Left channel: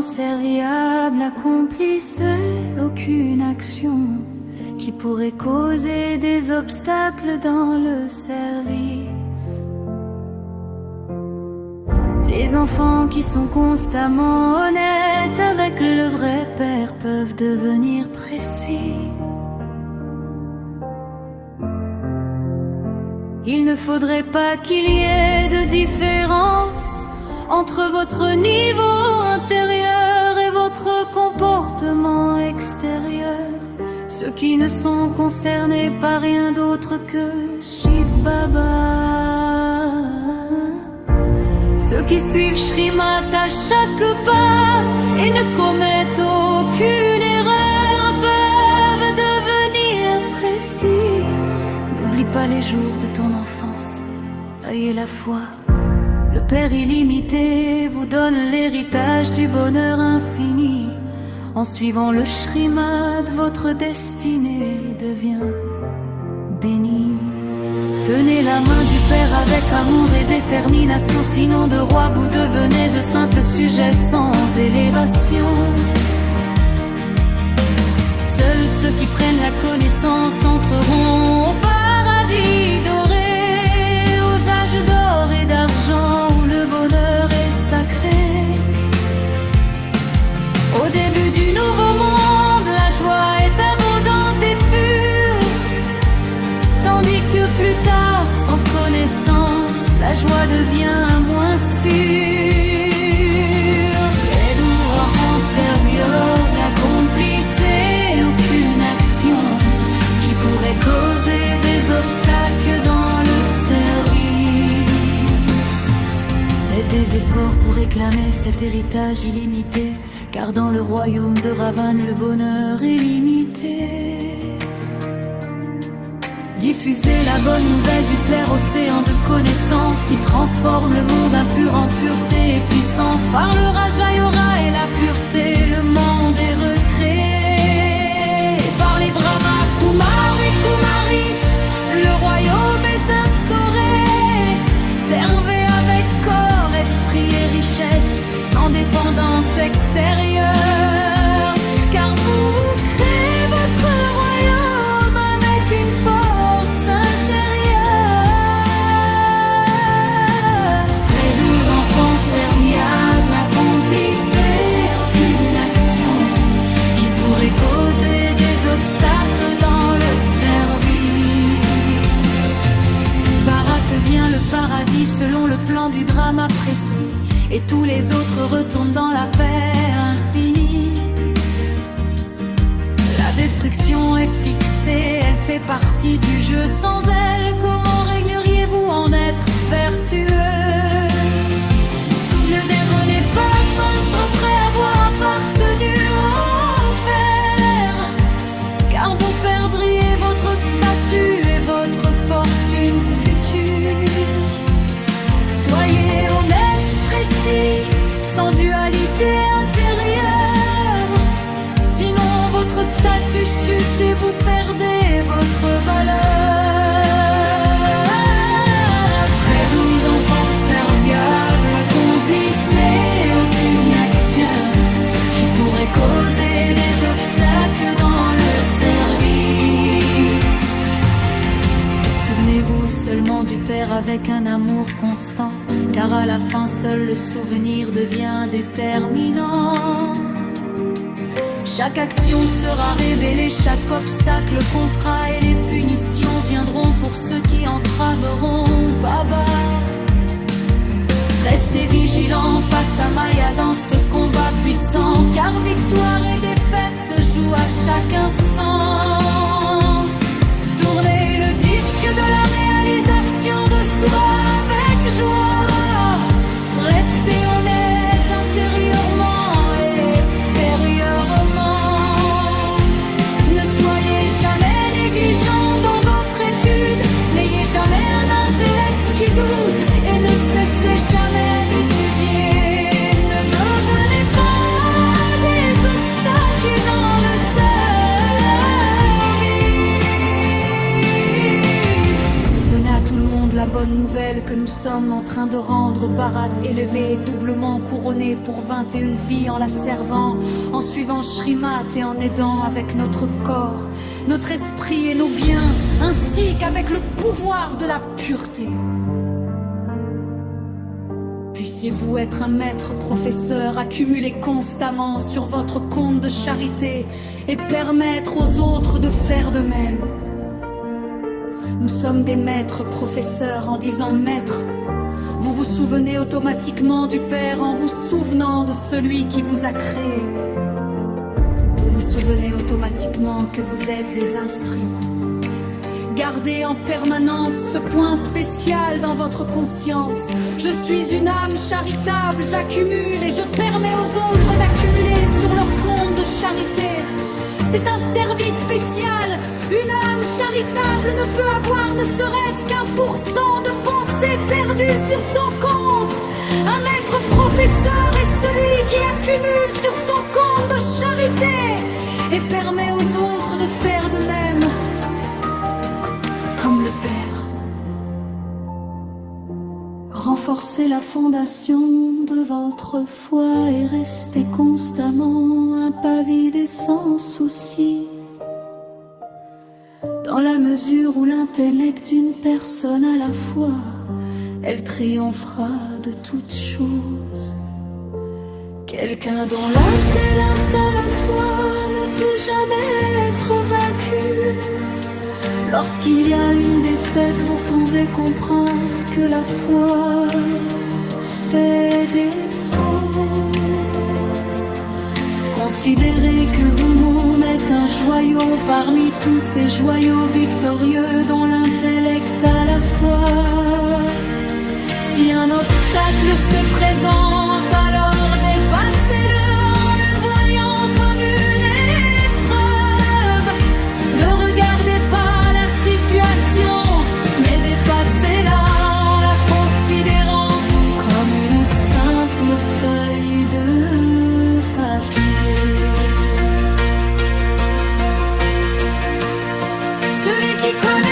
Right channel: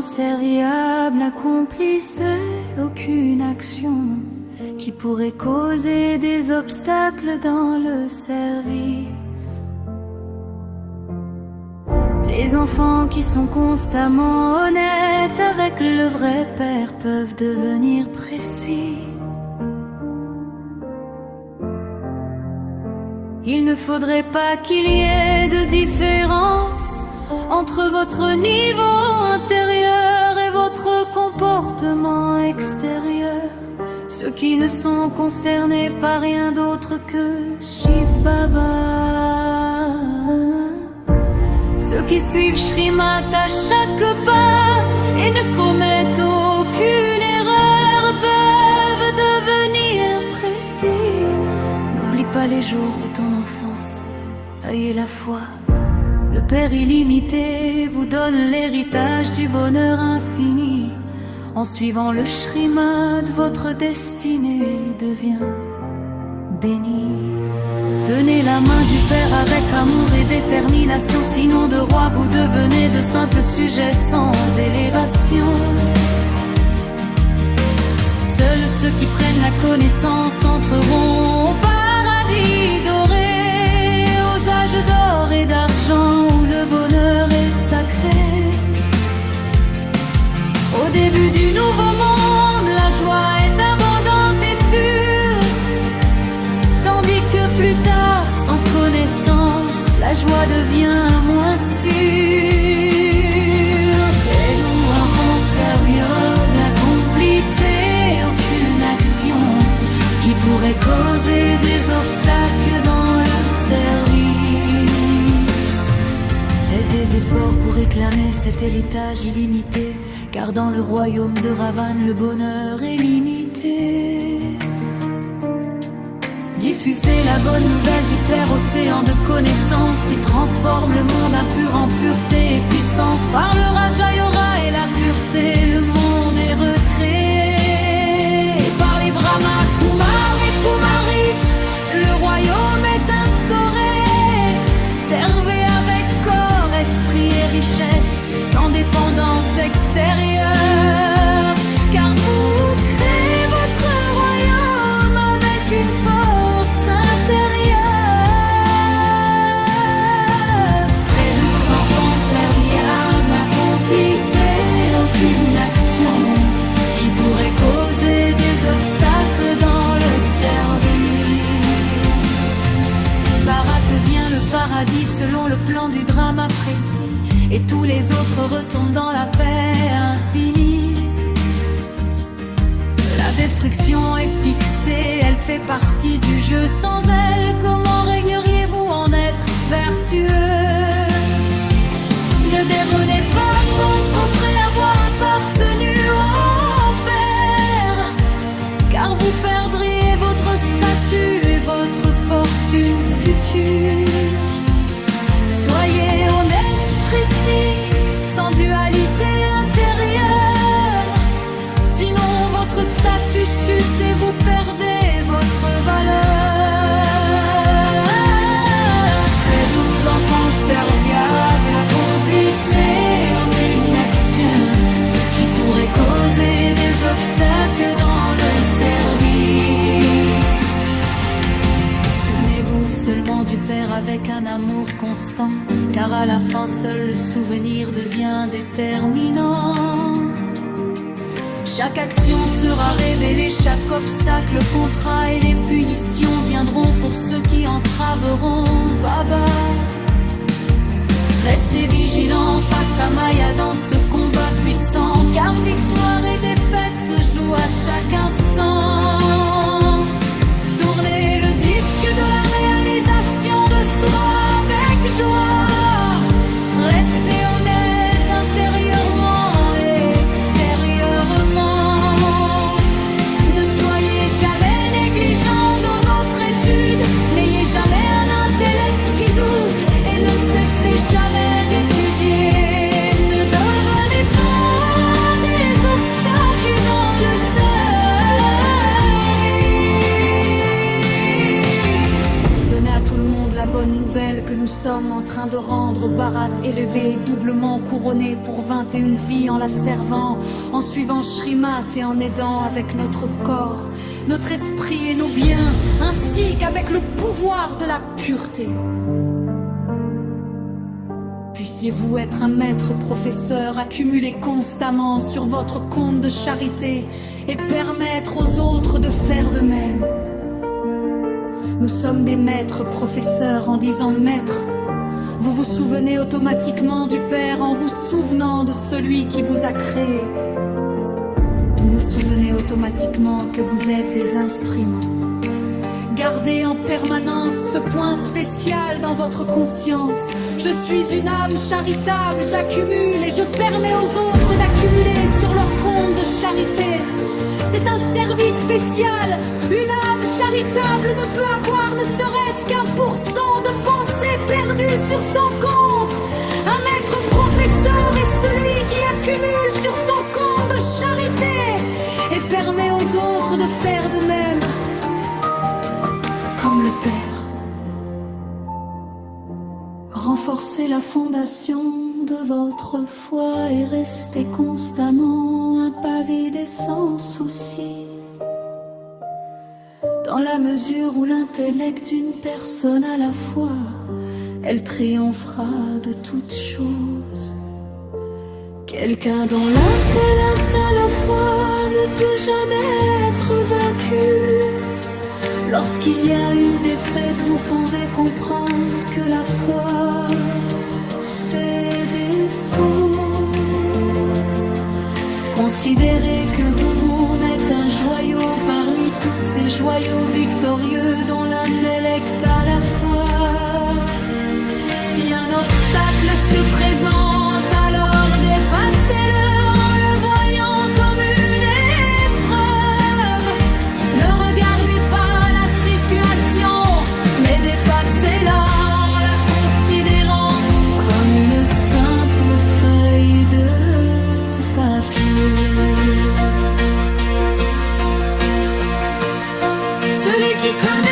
serviable, n'accomplissez aucune action qui pourrait causer des obstacles dans le service. Les enfants qui sont constamment honnêtes avec le vrai père peuvent devenir précis. Il ne faudrait pas qu'il y ait de différence entre votre niveau intérieur et votre comportement extérieur. Ceux qui ne sont concernés par rien d'autre que Shiv Baba. Ceux qui suivent Shrimat à chaque pas et ne commettent aucune erreur peuvent devenir précis. N'oublie pas les jours de ton enfance, ayez la foi. Le Père illimité vous donne l'héritage du bonheur infini. En suivant le Shrimad, votre destinée devient bénie. Tenez la main du Père avec amour et détermination, sinon de roi vous devenez de simples sujets sans élévation. Seuls ceux qui prennent la connaissance entreront au paradis doré, aux âges d'or et d'argent où le bonheur est sacré. Au début du nouveau monde, la joie est abondante et pure, tandis que plus tard, sans connaissance, la joie devient moins sûre. Les doux enfants serviables, n'accomplissez aucune action qui pourrait causer des obstacles dans le service. Faites des efforts pour réclamer cet héritage illimité, car dans le royaume de Ravan, le bonheur est limité. Diffusez la bonne nouvelle du Père, océan de connaissances qui transforme le monde impur en pureté et puissance. Par le Raja Yora et la pureté, le monde est recréé. Et par les Brahma, Kumar et Kumaris, le royaume est instauré. Servez avec corps, esprit et richesse, sans dépendance extérieure, car vous créez votre royaume avec une force intérieure. Très doux enfants serviables, n'accomplissez aucune action qui pourrait causer des obstacles dans le service. Bharat devient le paradis selon le plan du drama précis, et tous les autres retournent dans la paix infinie. La destruction est fixée, elle fait partie du jeu. Sans elle, comment régneriez-vous en être vertueux? Ne dérenez pas sans après avoir appartenu au Père, car vous perdriez votre statut et votre fortune future. Soyez honnête, précis, sans dualité intérieure, sinon votre statut chute et vous perdez votre valeur. Très doux enfants serviables, n'accomplissez aucune action qui pourrait causer des obstacles dans le service. Souvenez-vous seulement du Père avec un amour constant, car à la fin seul le souvenir devient déterminant. Chaque action sera révélée, chaque obstacle, contrat et les punitions viendront pour ceux qui entraveront Baba. Restez vigilants face à Maya dans ce combat puissant, car victoire et défaite se jouent à chaque instant. Tournez le disque de la réalisation de soi avec joie. Restez honnête intérieurement et extérieurement. Ne soyez jamais négligent dans votre étude. N'ayez jamais un intellect qui doute et ne cessez jamais d'étudier. Ne devenez pas des obstacles dans le service. Donnez à tout le monde la bonne nouvelle que nous sommes en train de rendre Bharat élevé, doublement couronné pour 21 vies en la servant, en suivant Shrimat et en aidant avec notre corps, notre esprit et nos biens, ainsi qu'avec le pouvoir de la pureté. Puissiez-vous être un maître professeur, accumuler constamment sur votre compte de charité et permettre aux autres de faire de même. Nous sommes des maîtres professeurs en disant maître. Vous vous souvenez automatiquement du Père en vous souvenant de celui qui vous a créé. Vous vous souvenez automatiquement que vous êtes des instruments. Gardez en permanence ce point spécial dans votre conscience. Je suis une âme charitable, j'accumule et je permets aux autres d'accumuler sur leur compte de charité. C'est un service spécial. Une âme charitable ne peut avoir ne serait-ce qu'1% de pensée perdue sur son compte. Un maître professeur est celui qui accumule sur son compte de charité et permet aux autres de faire de même, comme le Père. Renforcez la fondation de votre foi et restez constamment un pas vide et sans souci. Dans la mesure où l'intellect d'une personne à la fois, elle triomphera de toutes choses. Quelqu'un dont l'intellect à la fois ne peut jamais être vaincu. Lorsqu'il y a une défaite, vous pouvez comprendre que la foi fait défaut. Considérez que vous-même êtes un joyau parmi tous ces joyaux victorieux dont l'intellect à la foi. Si un obstacle se présente, alors dépassez-le en le voyant comme une épreuve. Ne regardez pas la situation, mais dépassez-la en la considérant comme une simple feuille de papier. Celui qui connaît